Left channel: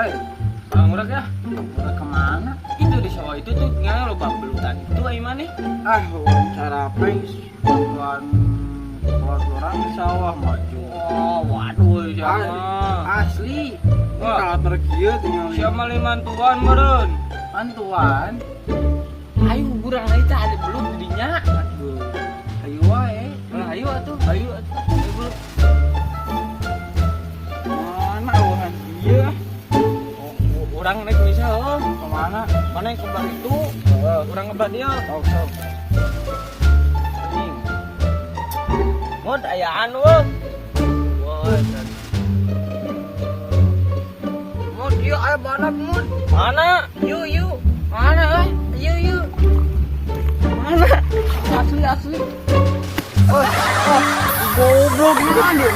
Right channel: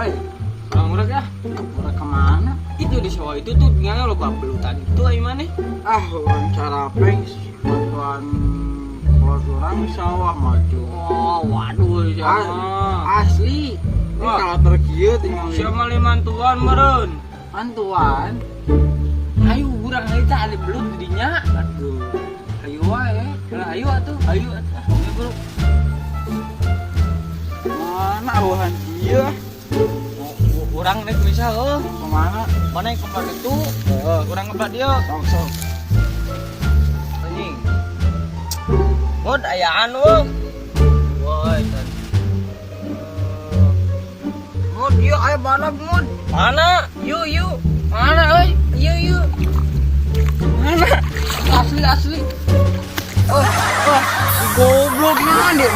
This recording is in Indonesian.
Hei, Orang udah ya. udah kemana? Itu di sawah itu tuh tinggalnya lo belutan itu ay mana? Ah, wawancara apa? Bantuan buat orang sawah maju. Oh, waduh siapa? Asli. Ini Wah. kalau tergiur tinggal Siapa limantuan meren? bantuan. Ayo kurang aja cari belut dinya. Aduh, ayo wae. Ayo atuh, ayo atuh. Ayo bro. Mana wahan iya? Orang naik bisa oh. Kemana? Mana yang kembang itu? Orang ngebat dia. Sok. Anjing. Mud ayaan wong. Woi. Mud yuk ayo balap mud. Mana? Yuk. Mana euy? Yuk. Mana? Asli. Goblok ini kan dia